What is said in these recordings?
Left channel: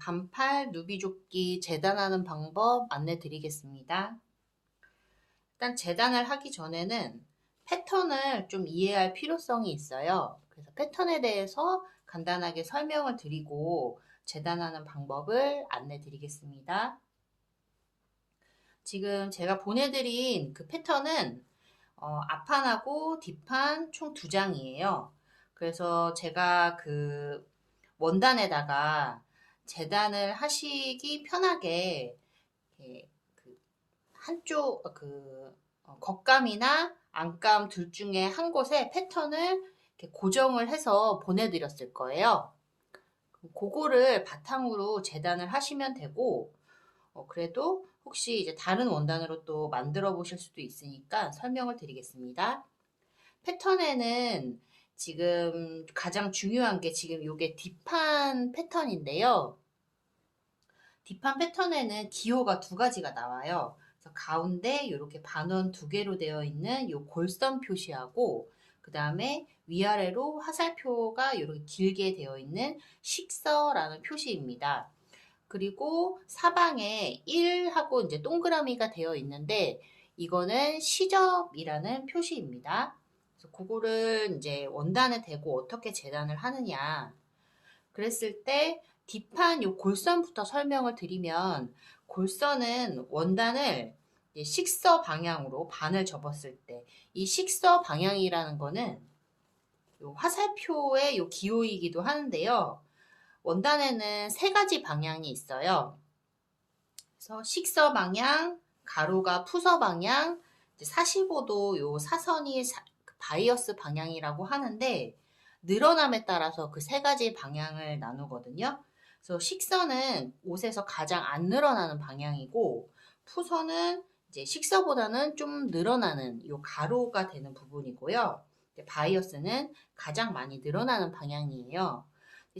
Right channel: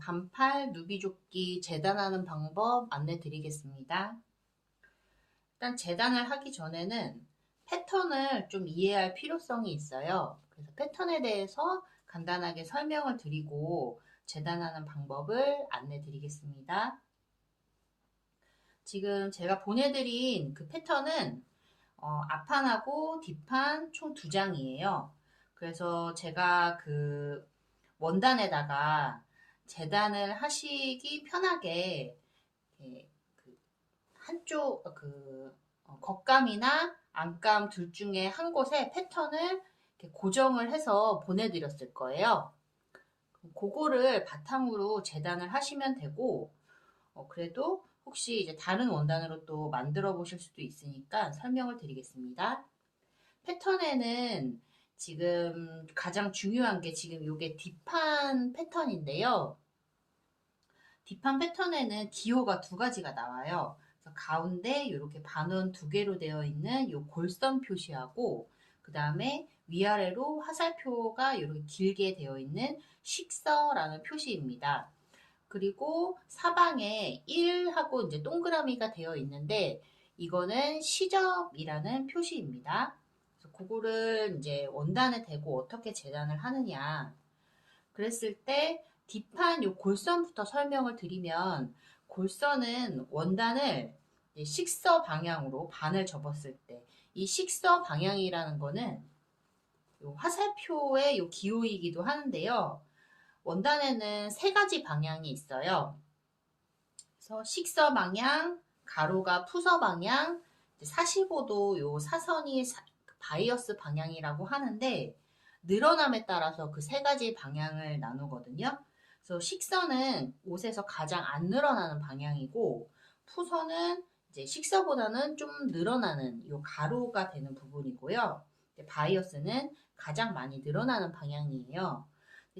반팔 누비조끼 재단하는 방법 안내 드리겠습니다. 일단 재단을 하기 전에는 패턴을 좀 이해할 필요성이 있어요. 그래서 패턴에 대해서 간단하게 설명을 드리고 재단하는 방법을 안내 드리겠습니다. 지금 제가 보내드린 그 패턴은 앞판하고 뒷판 총 2장이에요. 그래서 제가 그 원단에다가 재단을 하시기 편하게 그 한쪽 겉감이나 안감 둘 중에 한 곳에 패턴을 이렇게 고정을 해서 보내드렸을 거예요. 그거를 바탕으로 재단을 하시면 되고, 그래도 혹시 이제 다른 원단으로 또 만들어 보실 수도 있으니까 설명을 드리겠습니다. 패턴에는 지금 가장 중요한 게 지금 이게 뒷판 패턴인데요. 뒷판 패턴에는 기호가 2가지가 나와요. 그래서 가운데 이렇게 반원 2개로 되어 있는 이 골선 표시하고 그 다음에 위아래로 화살표가 이렇게 길게 되어 있는 식서라는 표시입니다. 그리고 사방에 1하고 이제 동그라미가 되어 있는데 이거는 시접이라는 표시입니다. 그래서 그거를 이제 원단에 대고 어떻게 재단을 하느냐. 그랬을 때 뒷판 요 골선부터 설명을 드리면 골선은 원단을 식서 방향으로 반을 접었을 때 이 식서 방향이라는 거는 요 화살표의 요 기호이기도 하는데요. 원단에는 3가지 방향이 있어요. 그래서 식서 방향, 가로가 푸서 방향, 45도 요 사선이 바이어스 방향이라고 하는데 늘어남에 따라서 그 3가지 방향을 나누거든요. 그래서 식서는 옷에서 가장 안 늘어나는 방향이고 푸서는 이제 식서보다는 좀 늘어나는 요 가로가 되는 부분이고요. 바이어스는 가장 많이 늘어나는 방향이에요.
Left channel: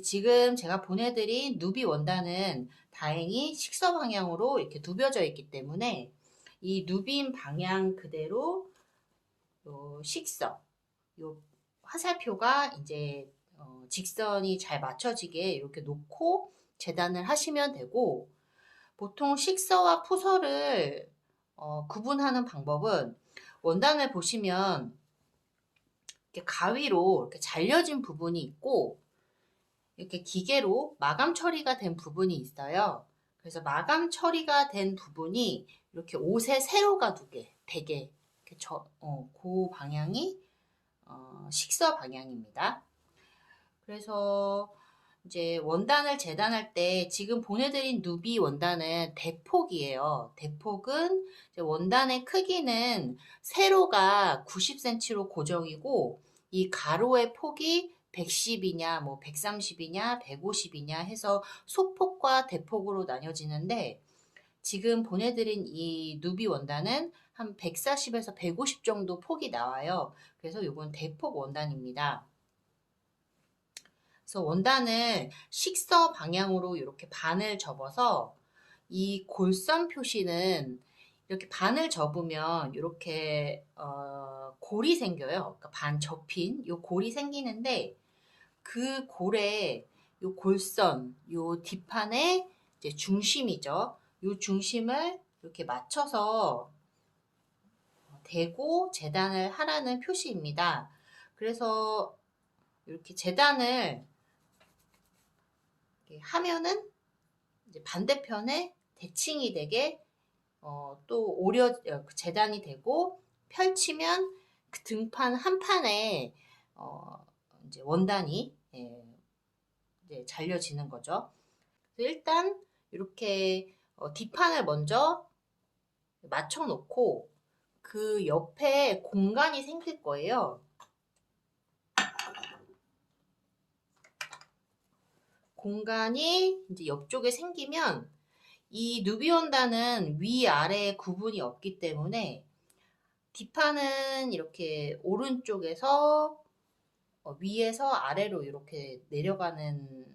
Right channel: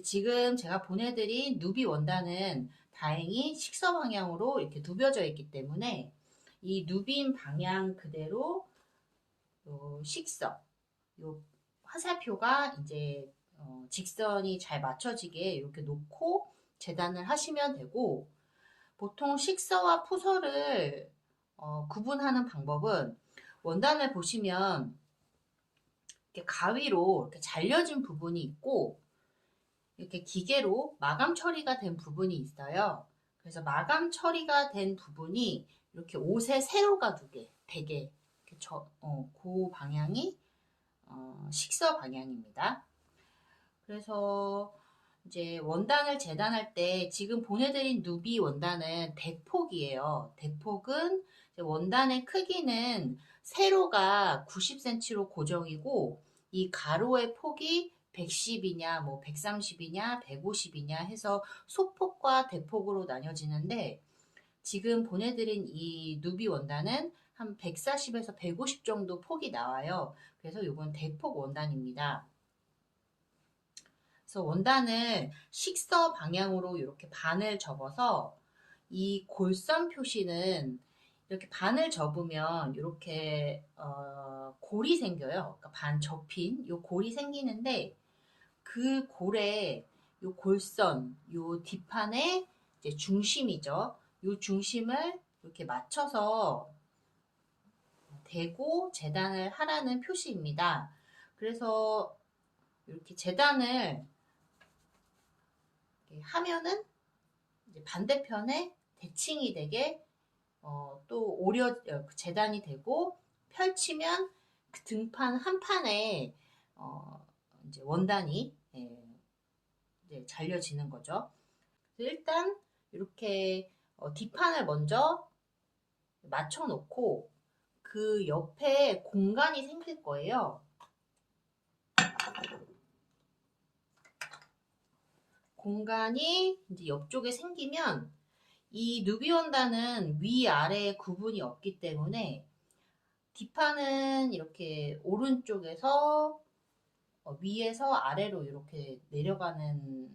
지금 제가 보내드린 누비 원단은 다행히 식서 방향으로 이렇게 누벼져 있기 때문에 이 누빈 방향 그대로 요 식서, 요 화살표가 이제 직선이 잘 맞춰지게 이렇게 놓고 재단을 하시면 되고 보통 식서와 푸서를 구분하는 방법은 원단을 보시면 이렇게 가위로 이렇게 잘려진 부분이 있고 이렇게 기계로 마감 처리가 된 부분이 있어요. 그래서 마감 처리가 된 부분이 이렇게 옷에 세로가 되게 이렇게 그 방향이 식서 방향입니다. 그래서 이제 원단을 재단할 때 지금 보내드린 누비 원단은 대폭이에요. 대폭은 원단의 크기는 세로가 90cm로 고정이고 이 가로의 폭이 110이냐, 뭐 130이냐, 150이냐 해서 소폭과 대폭으로 나뉘어지는데 지금 보내드린 이 누비 원단은 한 140에서 150 정도 폭이 나와요. 그래서 이건 대폭 원단입니다. 그래서 원단을 식서 방향으로 이렇게 반을 접어서 이 골선 표시는 이렇게 반을 접으면 이렇게 골이 생겨요. 그러니까 반 접힌 요 골이 생기는데 그 골에 요 골선, 요 뒷판의 이제 중심이죠. 요 중심을 이렇게 맞춰서 대고 재단을 하라는 표시입니다. 그래서 이렇게 재단을 하면은 이제 반대편에 대칭이 되게 또 재단이 되고 펼치면 그 등판 한 판에 이제 원단이 이제 잘려지는 거죠. 일단 이렇게 뒷판을 먼저 맞춰 놓고 그 옆에 공간이 생길 거예요. 공간이 이제 옆쪽에 생기면 이 누비 원단은 위아래 구분이 없기 때문에 뒷판은 이렇게 오른쪽에서 위에서 아래로 이렇게 내려가는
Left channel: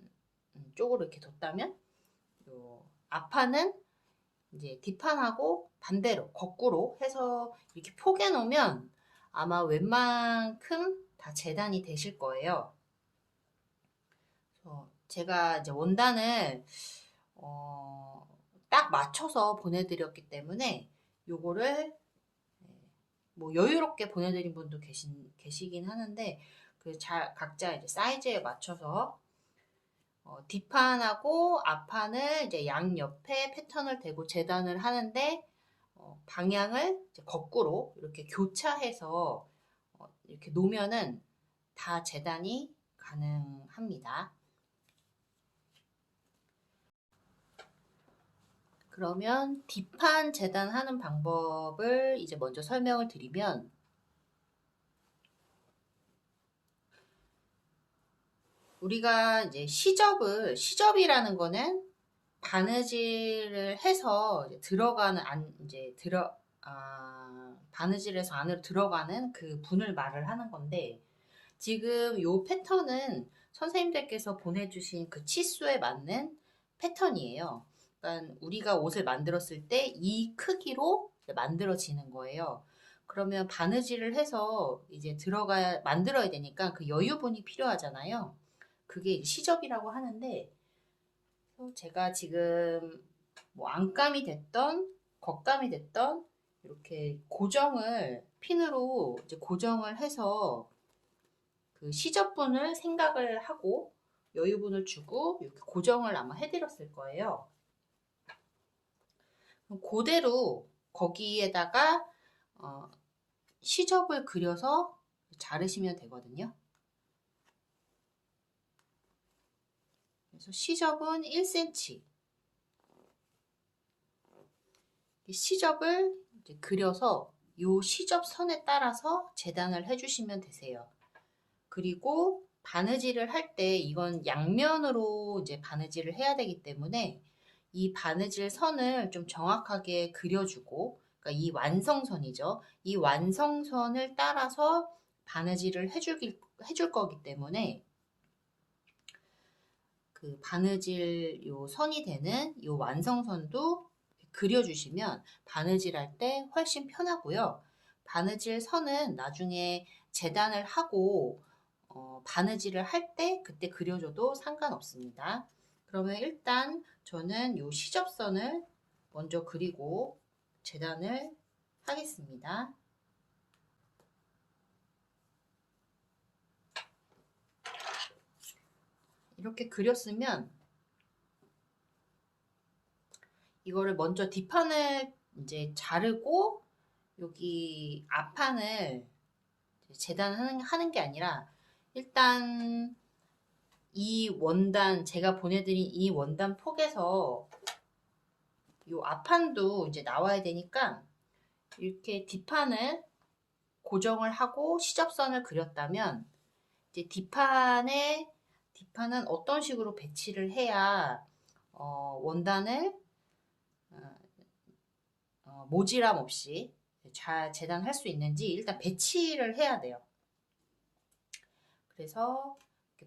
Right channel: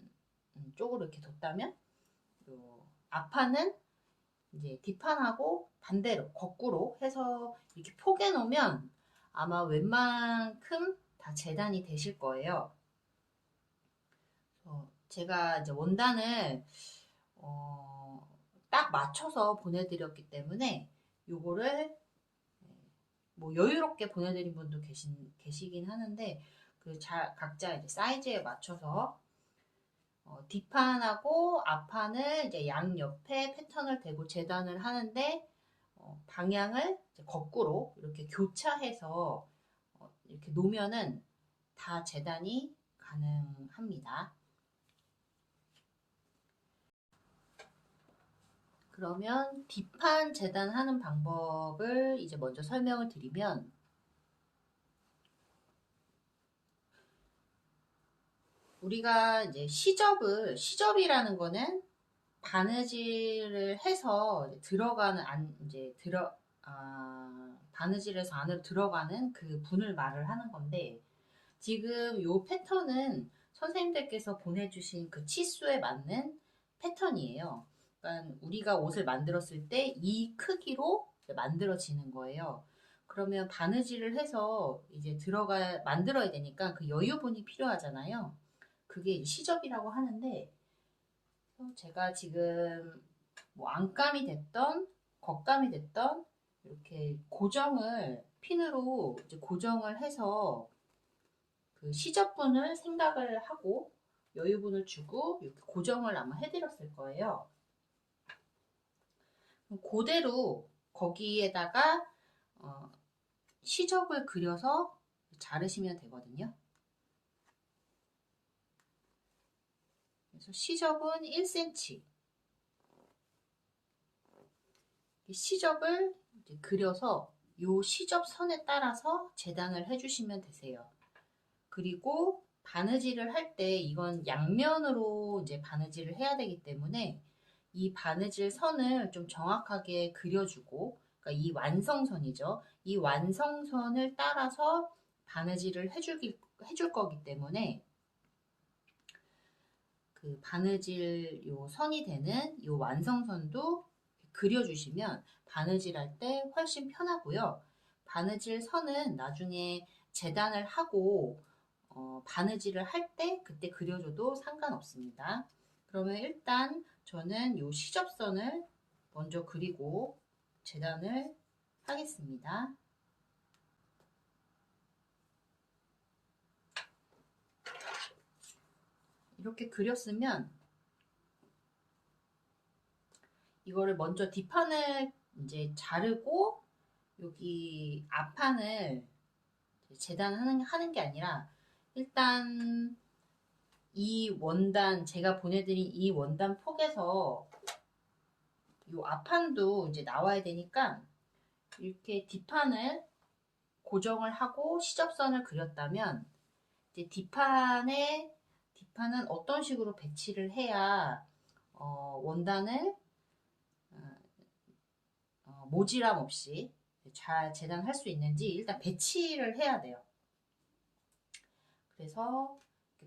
쪽으로 이렇게 뒀다면 앞판은 이제 뒷판하고 반대로 거꾸로 해서 이렇게 포개 놓으면 아마 웬만큼 다 재단이 되실 거예요. 제가 이제 원단을 딱 맞춰서 보내드렸기 때문에 요거를 뭐 여유롭게 보내드린 분도 계시긴 하는데 각자 이제 사이즈에 맞춰서 뒷판하고 앞판을 이제 양옆에 패턴을 대고 재단을 하는데 방향을 이제 거꾸로 이렇게 교차해서 이렇게 놓으면은 다 재단이 가능합니다. 그러면 뒷판 재단하는 방법을 이제 먼저 설명을 드리면, 우리가 이제 시접이라는 거는 바느질을 해서 바느질에서 안으로 들어가는 그 분을 말을 하는 건데, 지금 요 패턴은 선생님들께서 보내주신 그 치수에 맞는 패턴이에요. 그러니까 우리가 옷을 만들었을 때 이 크기로 만들어지는 거예요. 그러면 바느질을 해서 이제 만들어야 되니까 그 여유분이 필요하잖아요. 그게 시접이라고 하는데, 제가 지금 뭐 안감이 됐던 겉감이 됐던 이렇게 핀으로 이제 고정을 해서 그 시접분을 생각을 하고 여유분을 주고 이렇게 고정을 아마 해드렸을 거예요. 그대로 거기에다가 시접을 그려서 자르시면 되거든요. 그래서 시접은 1cm. 시접을 이제 그려서 이 시접선에 따라서 재단을 해주시면 되세요. 그리고 바느질을 할 때 이건 양면으로 이제 바느질을 해야 되기 때문에 이 바느질 선을 좀 정확하게 그려주고, 그러니까 이 완성선이죠. 이 완성선을 따라서 바느질을 해줄 거기 때문에 그 바느질 요 선이 되는 요 완성선도 그려주시면 바느질할 때 훨씬 편하고요. 바느질 선은 나중에 재단을 하고 바느질을 할 때 그때 그려줘도 상관없습니다. 그러면 일단 저는 요 시접선을 먼저 그리고 재단을 하겠습니다. 이렇게 그렸으면 이거를 먼저 뒷판을 이제 자르고 여기 앞판을 재단하는 게 아니라, 일단 제가 보내드린 이 원단 폭에서 이 앞판도 이제 나와야 되니까 이렇게 뒷판을 고정을 하고 시접선을 그렸다면, 이제 뒷판은 어떤 식으로 배치를 해야 원단을 모지람 없이 잘 재단할 수 있는지 일단 배치를 해야 돼요. 그래서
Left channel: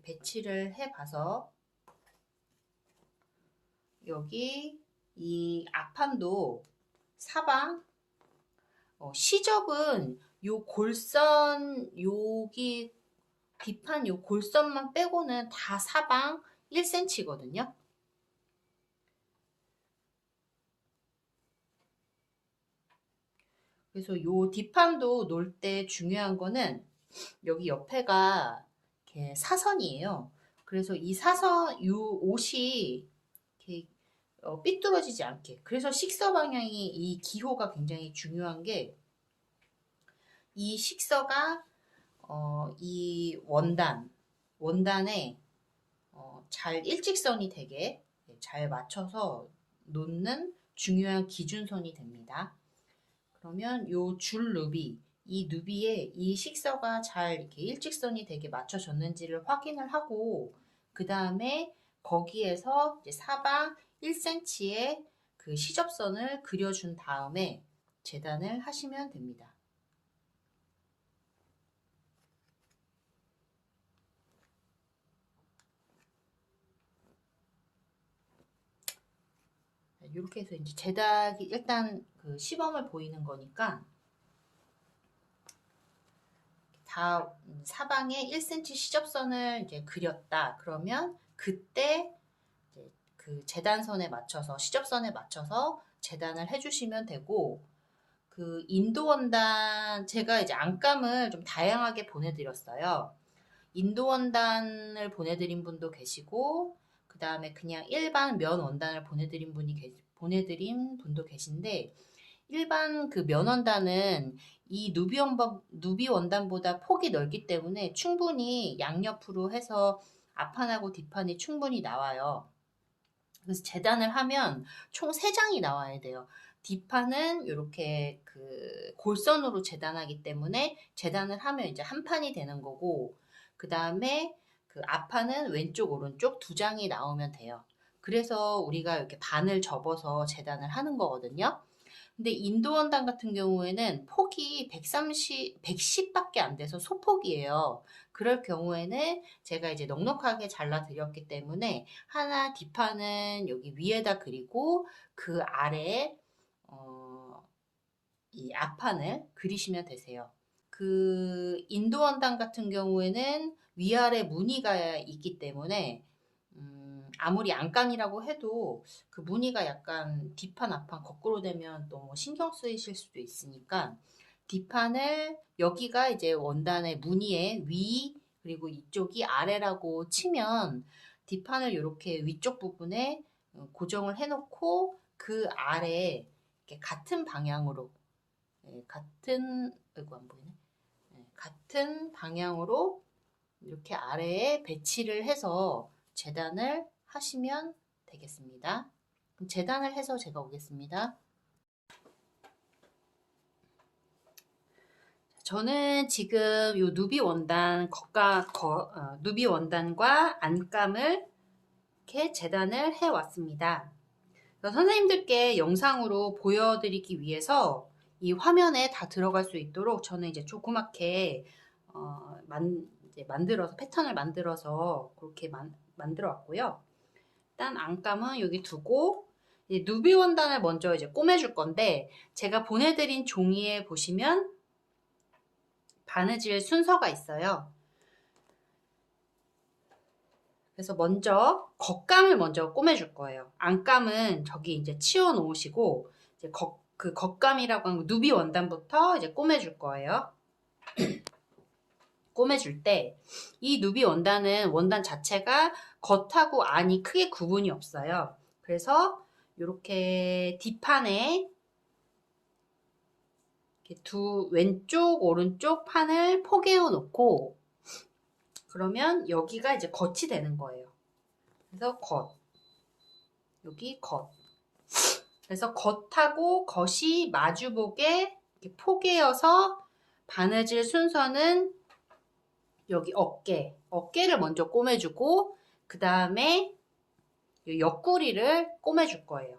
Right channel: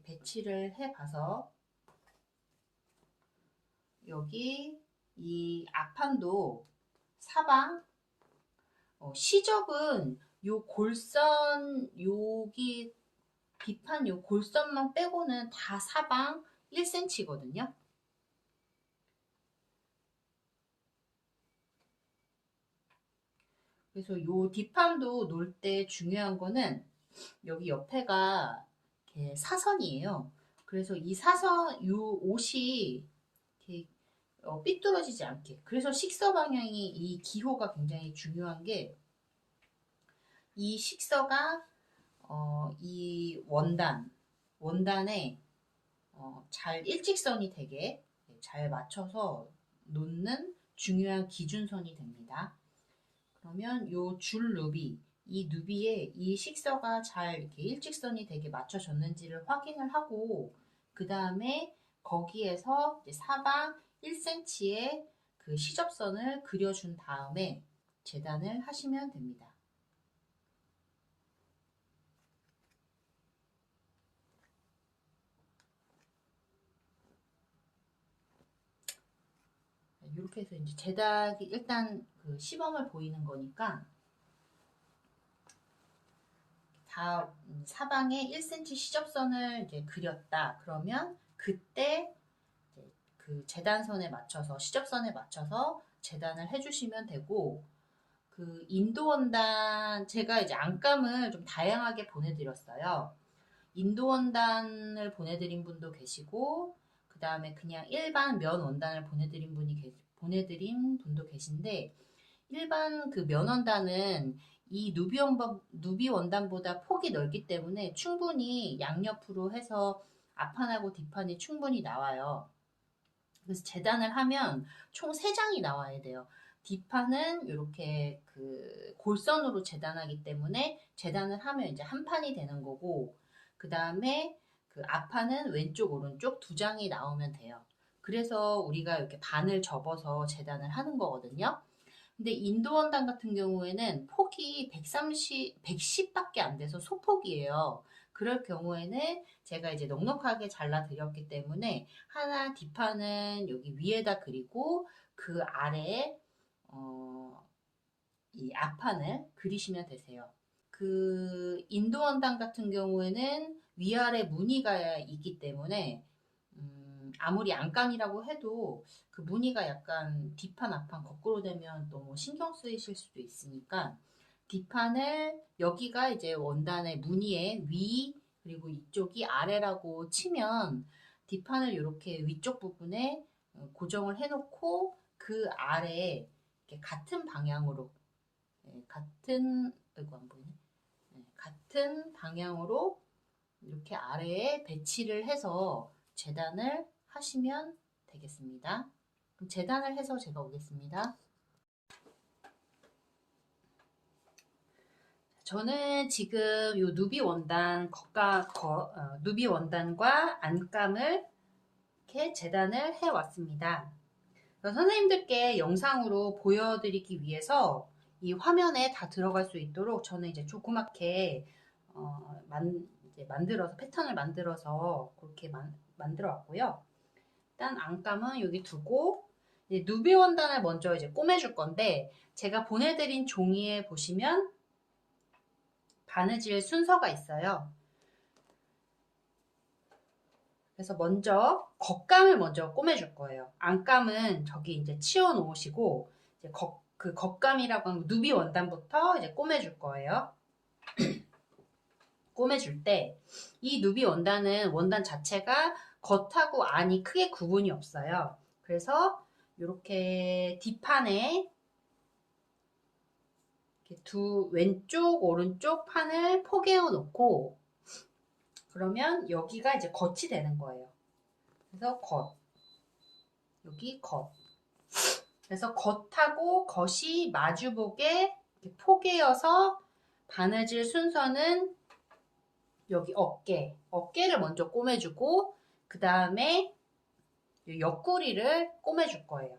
배치를 해봐서 여기 이 앞판도 사방 시접은 요 골선 여기 뒷판 요 골선만 빼고는 다 사방 1cm거든요. 그래서 요 뒷판도 놓을 때 중요한 거는 여기 옆에가 이렇게 사선이에요. 그래서 이 사선, 요 옷이 이렇게 삐뚤어지지 않게. 그래서 식서 방향이 이 기호가 굉장히 중요한 게, 이 식서가 이 원단에 잘 일직선이 되게 잘 맞춰서 놓는 중요한 기준선이 됩니다. 그러면 요 이 누비에 이 식서가 잘 이렇게 일직선이 되게 맞춰졌는지를 확인을 하고, 그 다음에 거기에서 이제 사방 1cm의 그 시접선을 그려준 다음에 재단을 하시면 됩니다. 이렇게 해서 이제 재단이 일단 그 시범을 보이는 거니까, 다 사방에 1cm 시접선을 이제 그렸다. 그러면 그때 그 재단선에 맞춰서 시접선에 맞춰서 재단을 해주시면 되고 그 인도 원단 제가 이제 안감을 좀 다양하게 보내드렸어요. 인도 원단을 보내드린 분도 계시고 그 다음에 그냥 일반 면 원단을 보내드린 분도 계신데 일반 그 면 원단은 이 누비 원단보다 폭이 넓기 때문에 충분히 양옆으로 해서 앞판하고 뒷판이 충분히 나와요. 그래서 재단을 하면 총 3장이 나와야 돼요. 뒷판은 이렇게 그 골선으로 재단하기 때문에 재단을 하면 이제 한 판이 되는 거고 그 다음에 그 앞판은 왼쪽 오른쪽 2장이 나오면 돼요. 그래서 우리가 이렇게 반을 접어서 재단을 하는 거거든요. 근데 인도 원단 같은 경우에는 폭이 110밖에 안 돼서 소폭이에요. 그럴 경우에는 제가 이제 넉넉하게 잘라 드렸기 때문에 하나 뒷판은 여기 위에다 그리고 그 아래에 이 앞판을 그리시면 되세요. 그 인도 원단 같은 경우에는 위아래 무늬가 있기 때문에 아무리 안감이라고 해도 그 무늬가 약간 뒷판 앞판 거꾸로 되면 너무 신경 쓰이실 수도 있으니까 뒷판을 여기가 이제 원단의 무늬의 위 그리고 이쪽이 아래라고 치면 뒷판을 이렇게 위쪽 부분에 고정을 해놓고 그 아래에 이렇게 같은 방향으로 같은 이거 안 보이네. 같은 방향으로 이렇게 아래에 배치를 해서 재단을 하시면 되겠습니다. 그럼 재단을 해서 제가 오겠습니다. 저는 지금 요 누비 원단과 안감을 이렇게 재단을 해 왔습니다. 선생님들께 영상으로 보여드리기 위해서 이 화면에 다 들어갈 수 있도록 저는 이제 조그맣게 이제 만들어서 패턴을 만들어서 그렇게 만들어 왔고요. 일단 안감은 여기 두고 이제 누비 원단을 먼저 이제 꼬매줄 건데 제가 보내드린 종이에 보시면 바느질 순서가 있어요. 그래서 먼저 겉감을 먼저 꼬매줄 거예요. 안감은 저기 이제 치워 놓으시고 이제 그 겉감이라고 하는 누비 원단부터 이제 꼬매줄 거예요. 꼬매줄 때 이 누비 원단은 원단 자체가 겉하고 안이 크게 구분이 없어요. 그래서 이렇게 뒷판에 이렇게 왼쪽 오른쪽 판을 포개어 놓고 그러면 여기가 이제 겉이 되는 거예요. 그래서 여기 겉. 그래서 겉하고 겉이 마주보게 이렇게 포개어서 바느질 순서는 여기 어깨를 먼저 꼬매주고 그 다음에 옆구리를 꼬매줄 거예요.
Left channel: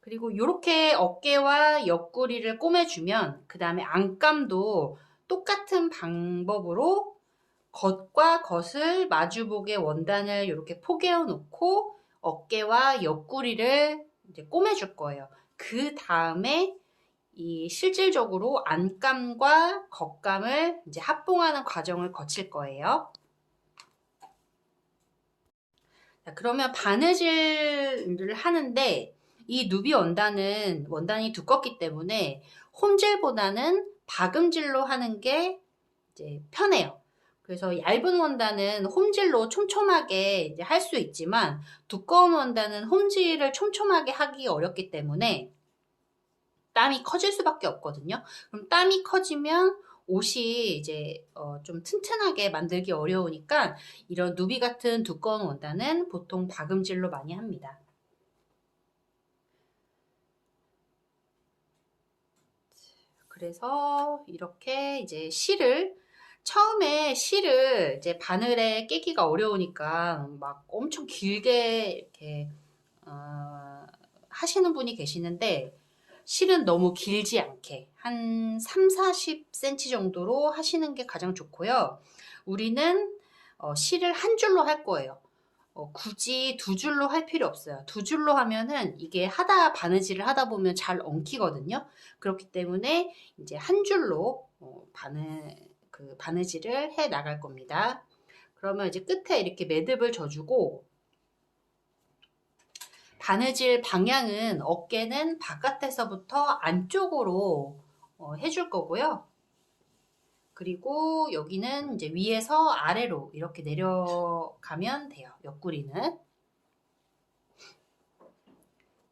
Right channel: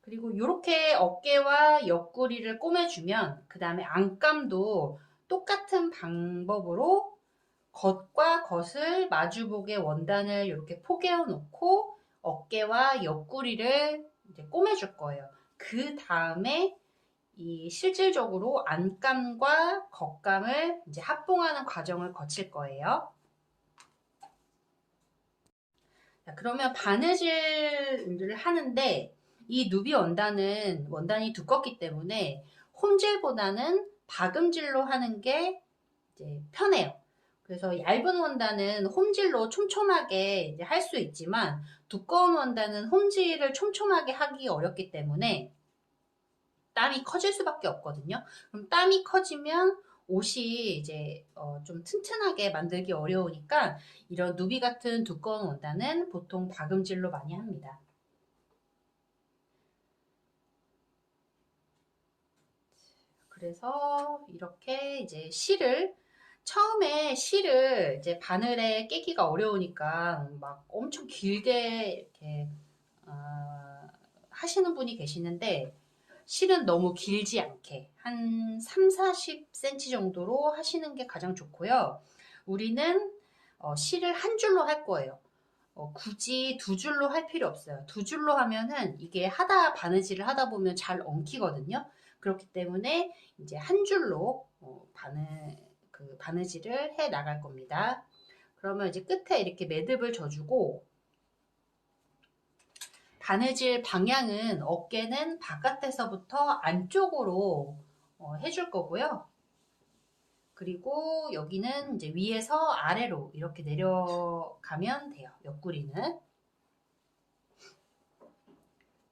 그리고 이렇게 어깨와 옆구리를 꼬매주면 그 다음에 안감도 똑같은 방법으로 겉과 겉을 마주보게 원단을 이렇게 포개어 놓고 어깨와 옆구리를 이제 꼬매줄 거예요. 그 다음에 이 실질적으로 안감과 겉감을 이제 합봉하는 과정을 거칠 거예요. 자, 그러면 바느질을 하는데 이 누비 원단이 두껍기 때문에 홈질보다는 박음질로 하는 게 이제 편해요. 그래서 얇은 원단은 홈질로 촘촘하게 할 수 있지만 두꺼운 원단은 홈질을 촘촘하게 하기 어렵기 때문에 땀이 커질 수밖에 없거든요. 그럼 땀이 커지면 옷이 이제 좀 튼튼하게 만들기 어려우니까 이런 누비 같은 두꺼운 원단은 보통 박음질로 많이 합니다. 그래서 이렇게 이제 처음에 실을 이제 바늘에 끼기가 어려우니까 막 엄청 길게 이렇게 하시는 분이 계시는데 실은 너무 길지 않게 한 3, 40cm 정도로 하시는 게 가장 좋고요. 우리는 실을 한 줄로 할 거예요. 굳이 2줄로 할 필요 없어요. 2줄로 하면은 이게 바느질을 하다 보면 잘 엉키거든요. 그렇기 때문에 이제 한 줄로 바느질을 해 나갈 겁니다. 그러면 이제 끝에 이렇게 매듭을 져주고 바느질 방향은 어깨는 바깥에서부터 안쪽으로 해줄 거고요. 그리고 여기는 이제 위에서 아래로 이렇게 내려가면 돼요. 옆구리는.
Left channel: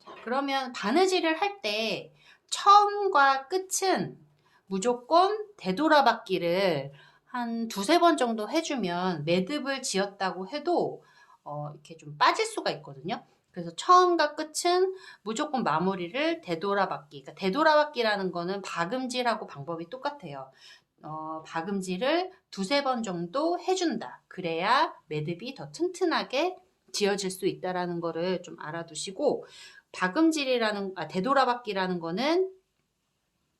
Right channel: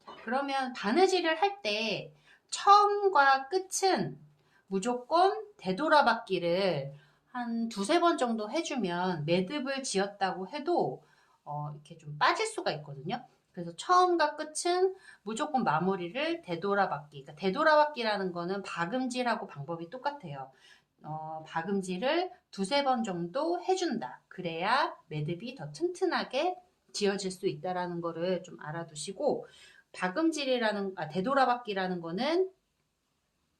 자, 그러면 바느질을 할 때 처음과 끝은 무조건 되돌아받기를 한 두세 번 정도 해주면 매듭을 지었다고 해도 이렇게 좀 빠질 수가 있거든요. 그래서 처음과 끝은 무조건 마무리를 되돌아받기. 그러니까 되돌아받기라는 거는 박음질하고 방법이 똑같아요. 박음질을 두세 번 정도 해준다. 그래야 매듭이 더 튼튼하게 지어질 수 있다라는 거를 좀 알아두시고, 되돌아받기라는 거는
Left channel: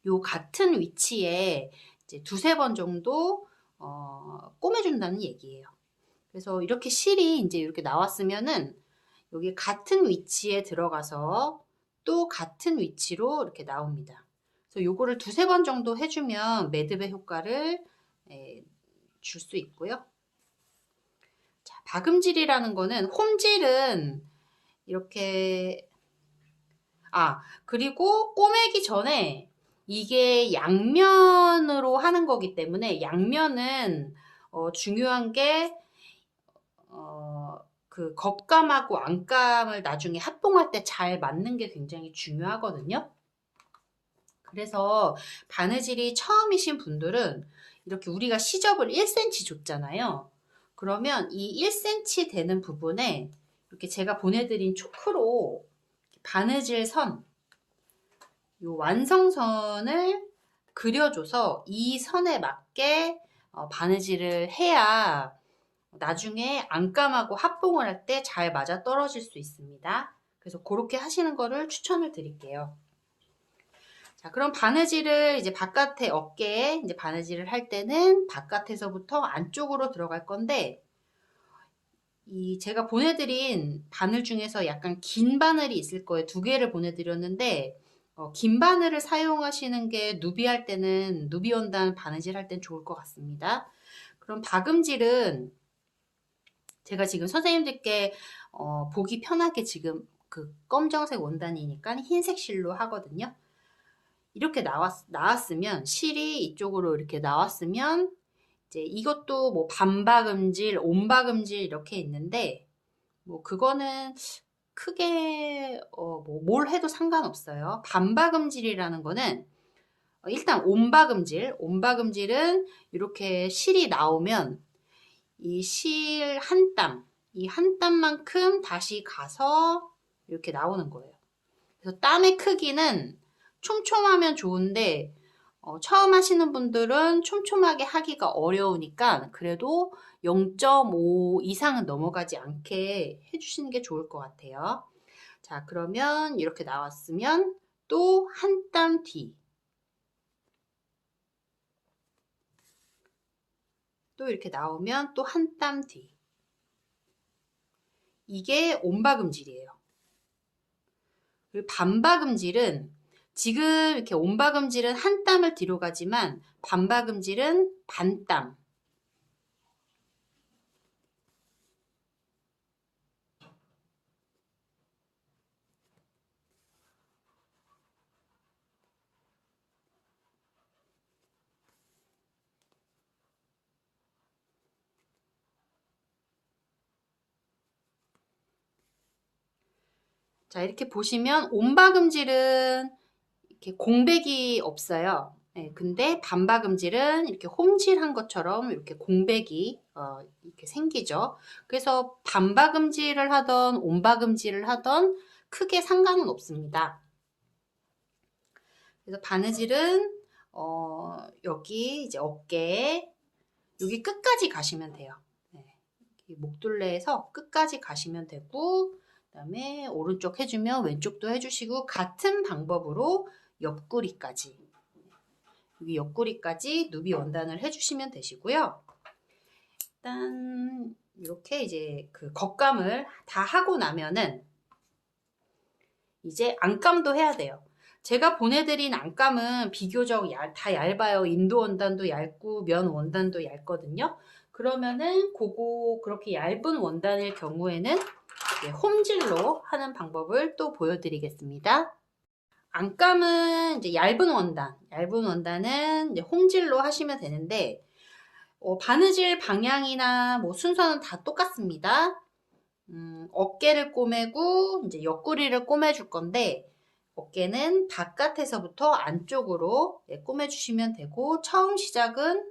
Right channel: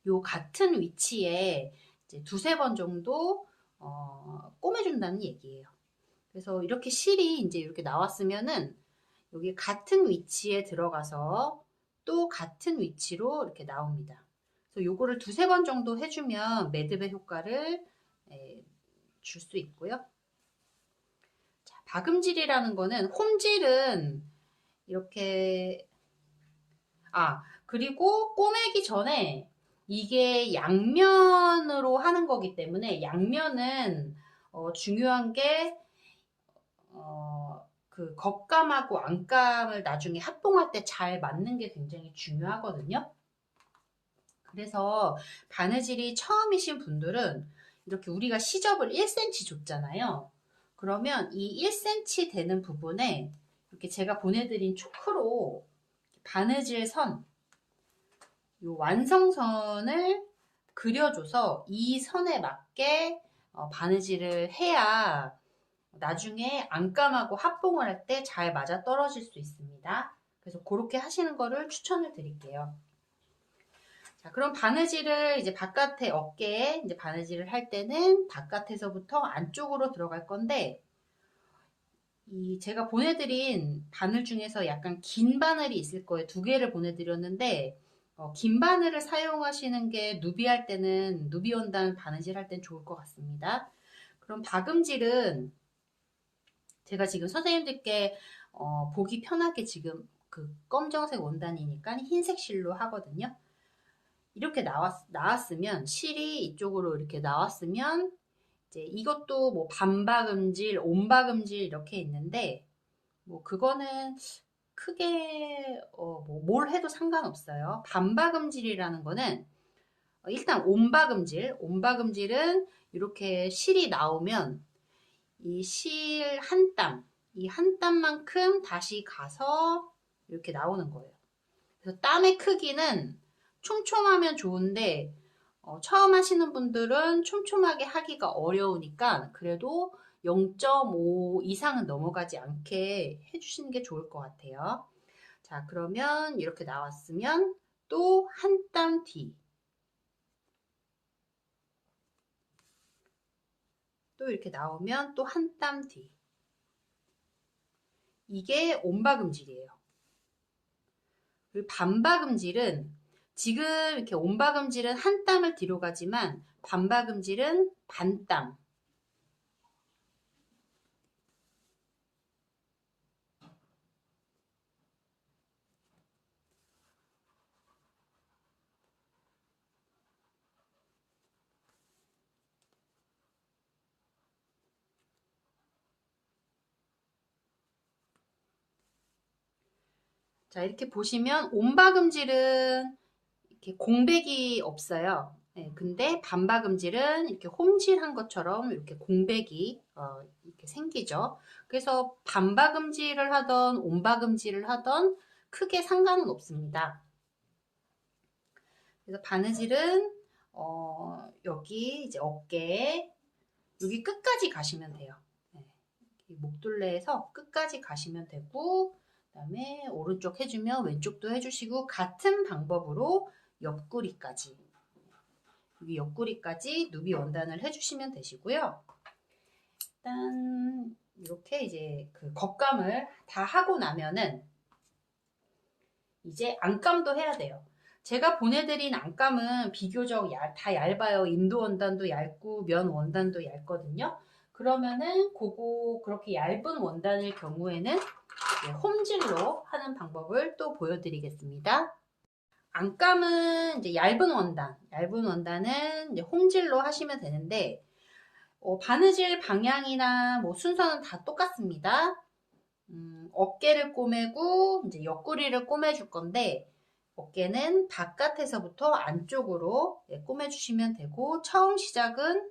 요 같은 위치에 이제 두세 번 정도 꼬매준다는 얘기예요. 그래서 이렇게 실이 이제 이렇게 나왔으면은 여기 같은 위치에 들어가서 또 같은 위치로 이렇게 나옵니다. 그래서 요거를 두세 번 정도 해주면 매듭의 효과를 줄 수 있고요. 자, 박음질이라는 거는 홈질은 이렇게 그리고 꼬매기 전에 이게 양면으로 하는 거기 때문에 양면은 중요한 게 그 겉감하고 안감을 나중에 합봉할 때 잘 맞는 게 굉장히 중요하거든요. 그래서 바느질이 처음이신 분들은 이렇게 우리가 시접을 1cm 줬잖아요. 그러면 이 1cm 되는 부분에 이렇게 제가 보내드린 초크로 바느질 선, 요 완성선을 그려줘서 이 선에 맞게 바느질을 해야 나중에 안감하고 합봉을 할 때 잘 맞아 떨어질 수 있습니다. 그래서 그렇게 하시는 거를 추천을 드릴게요. 자, 그럼 바느질을 이제 바깥에 어깨에 이제 바느질을 할 때는 바깥에서부터 안쪽으로 들어갈 건데, 이 제가 보내드린 바늘 중에서 약간 긴 바늘이 있을 거예요. 두 개를 보내드렸는데, 긴 바늘을 사용하시는 게 누비 할 때는, 누비 원단 바느질 할 땐 좋을 것 같습니다. 그럼 박음질은 제가 지금 선생님들께 보기 편하게 지금 그 검정색 원단이니까 흰색 실로 하거든요. 이렇게 나왔으면, 실이 이쪽으로 이렇게 나왔으면, 이제 이것도 뭐 반박음질, 온박음질 이렇게 있는데, 뭐 그거는 크게 뭐 뭘 해도 상관없어요. 반박음질이라는 거는 일단 온박음질은 이렇게 실이 나오면 이 실 한 땀, 이 한 땀만큼 다시 가서 이렇게 나오는 거예요. 그래서 땀의 크기는 촘촘하면 좋은데 처음 하시는 분들은 촘촘하게 하기가 어려우니까 그래도 0.5 이상은 넘어가지 않게 해주시는 게 좋을 것 같아요. 자, 그러면 이렇게 나왔으면 또 한 땀 뒤, 또 이렇게 나오면 또 한 땀 뒤. 이게 온박음질이에요. 그리고 반박음질은 지금 이렇게 온박음질은 한 땀을 뒤로 가지만 반박음질은 반 땀. 자, 이렇게 보시면 온박음질은 이렇게 공백이 없어요. 네, 근데 반박음질은 이렇게 홈질한 것처럼 이렇게 공백이 이렇게 생기죠. 그래서 반박음질을 하던 온박음질을 하던 크게 상관은 없습니다. 그래서 바느질은 여기 이제 어깨에 여기 끝까지 가시면 돼요. 네, 목둘레에서 끝까지 가시면 되고, 그다음에 오른쪽 해주면 왼쪽도 해주시고 같은 방법으로 옆구리까지, 여기 옆구리까지 누비 원단을 해주시면 되시고요. 일단 이렇게 이제 그 겉감을 다 하고 나면은 이제 안감도 해야 돼요. 제가 보내드린 안감은 비교적 다 얇아요. 인도 원단도 얇고 면 원단도 얇거든요. 그러면은 그렇게 얇은 원단일 경우에는 홈질로 하는 방법을 또 보여드리겠습니다. 안감은 이제 얇은 원단은 이제 홈질로 하시면 되는데, 바느질 방향이나 뭐 순서는 다 똑같습니다. 어깨를 꼬매고 이제 옆구리를 꼬매줄 건데, 어깨는 바깥에서부터 안쪽으로 꼬매주시면 되고, 처음 시작은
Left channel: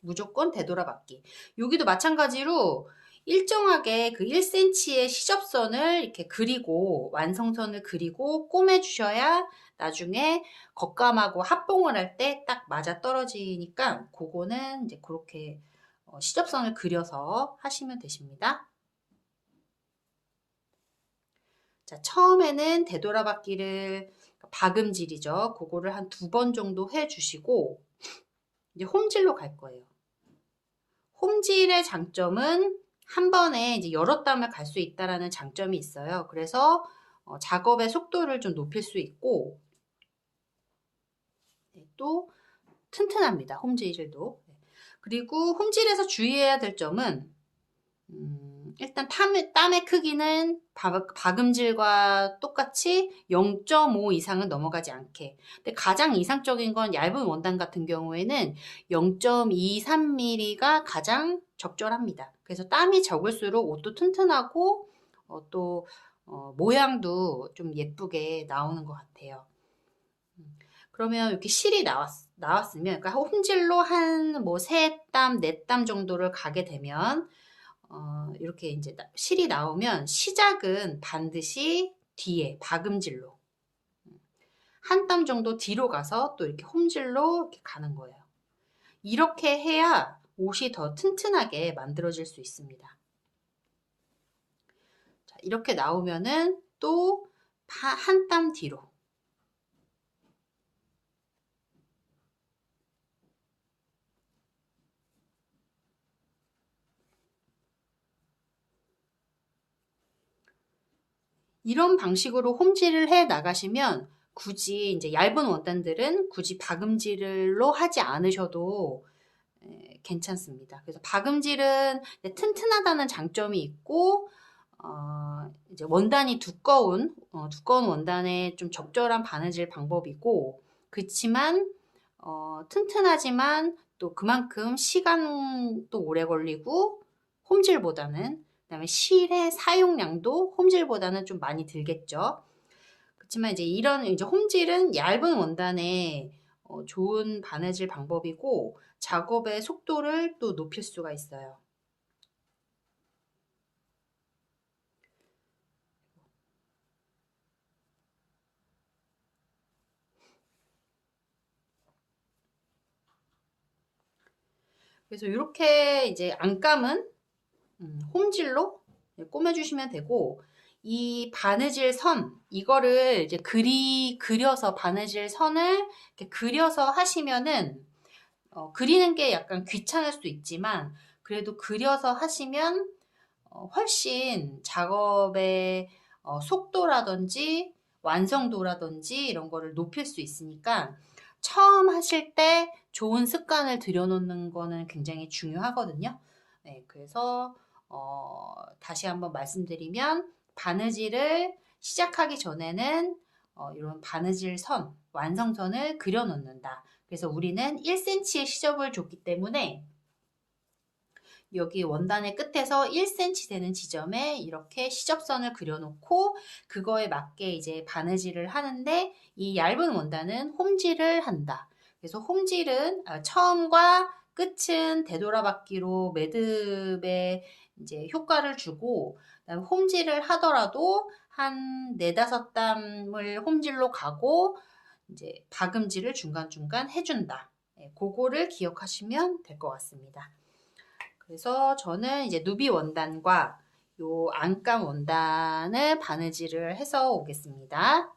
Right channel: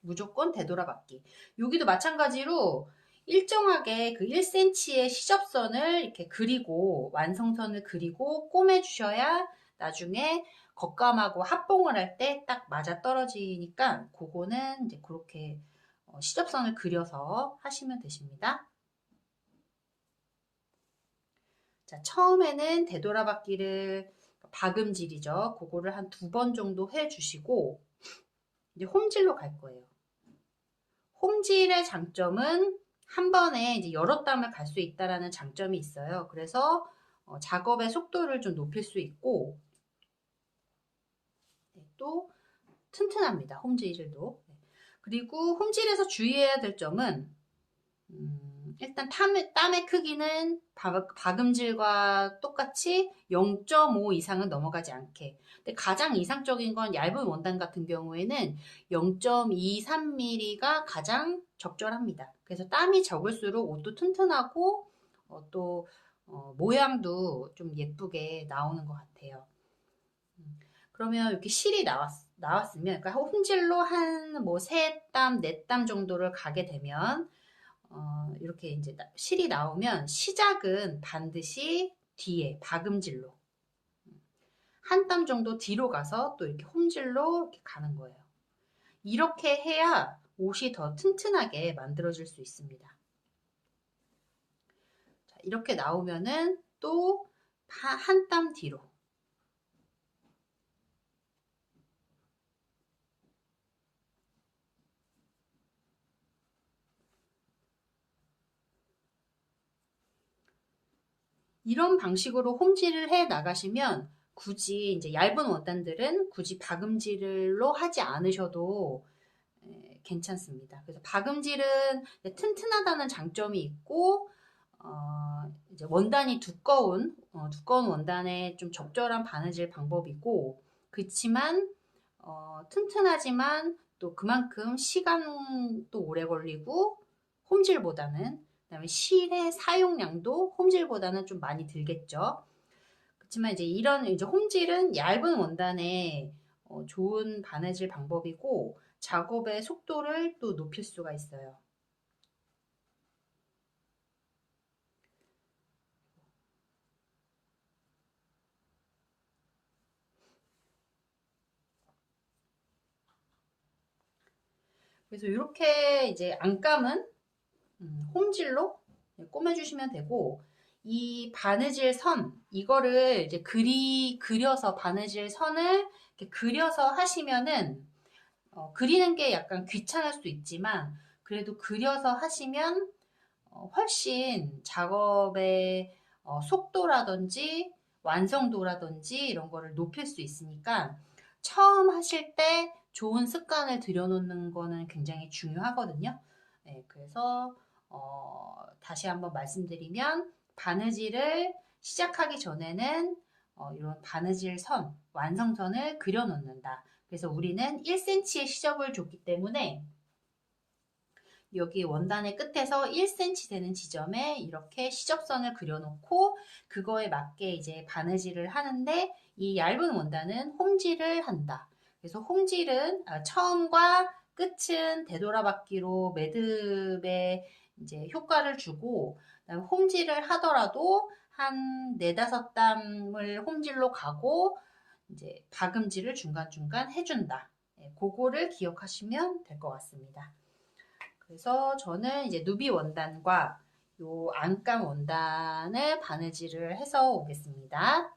무조건 되돌아받기. 여기도 마찬가지로 일정하게 그 1cm의 시접선을 이렇게 그리고 완성선을 그리고 꼬매주셔야 나중에 겉감하고 합봉을 할 때 딱 맞아 떨어지니까 그거는 이제 그렇게 시접선을 그려서 하시면 되십니다. 자, 처음에는 되돌아받기를 박음질이죠. 그거를 한 2번 정도 해주시고 이제 홈질로 갈 거예요. 홈질의 장점은 한 번에 이제 여러 땀을 갈 수 있다라는 장점이 있어요. 그래서 작업의 속도를 좀 높일 수 있고 또 튼튼합니다. 홈질도. 그리고 홈질에서 주의해야 될 점은 일단 땀의 크기는 박음질과 똑같이 0.5 이상은 넘어가지 않게. 근데 가장 이상적인 건 얇은 원단 같은 경우에는 0.23mm가 가장 적절합니다. 그래서 땀이 적을수록 옷도 튼튼하고 또 모양도 좀 예쁘게 나오는 것 같아요. 그러면 이렇게 실이 나왔으면, 그러니까 홈질로 한 뭐 3땀, 4땀 정도를 가게 되면 이렇게 이제 실이 나오면 시작은 반드시 뒤에 박음질로 한 땀 정도 뒤로 가서 또 이렇게 홈질로 이렇게 가는 거예요. 이렇게 해야 옷이 더 튼튼하게 만들어질 수 있습니다. 자, 이렇게 나오면은 또 한 땀 뒤로 이런 방식으로 홈질을 해 나가시면 굳이 이제 얇은 원단들은 굳이 박음질로 하지 않으셔도 괜찮습니다. 그래서 박음질은 튼튼하다는 장점이 있고 이제 원단이 두꺼운 원단에 좀 적절한 바느질 방법이고 그렇지만 튼튼하지만 또 그만큼 시간도 오래 걸리고 홈질보다는 그다음에 실의 사용량도 홈질보다는 좀 많이 들겠죠. 그렇지만 이제 이런 이제 홈질은 얇은 원단에 좋은 바느질 방법이고 작업의 속도를 또 높일 수가 있어요. 그래서 이렇게 이제 안감은 홈질로 꼬매주시면 되고 이 바느질 선 이거를 이제 그려서 바느질 선을 이렇게 그려서 하시면은 그리는 게 약간 귀찮을 수도 있지만 그래도 그려서 하시면 훨씬 작업의 속도라든지 완성도라든지 이런 거를 높일 수 있으니까 처음 하실 때 좋은 습관을 들여놓는 거는 굉장히 중요하거든요. 네, 그래서 다시 한번 말씀드리면 바느질을 시작하기 전에는 이런 바느질 선, 완성선을 그려놓는다. 그래서 우리는 1cm의 시접을 줬기 때문에 여기 원단의 끝에서 1cm 되는 지점에 이렇게 시접선을 그려놓고 그거에 맞게 이제 바느질을 하는데 이 얇은 원단은 홈질을 한다. 그래서 홈질은 처음과 끝은 되돌아받기로 매듭에 이제 효과를 주고 홈질을 하더라도 한 4-5땀을 홈질로 가고 이제 박음질을 중간중간 해준다. 그거를 기억하시면 될 것 같습니다. 그래서 저는 이제 누비 원단과 요 안감 원단을 바느질을 해서 오겠습니다.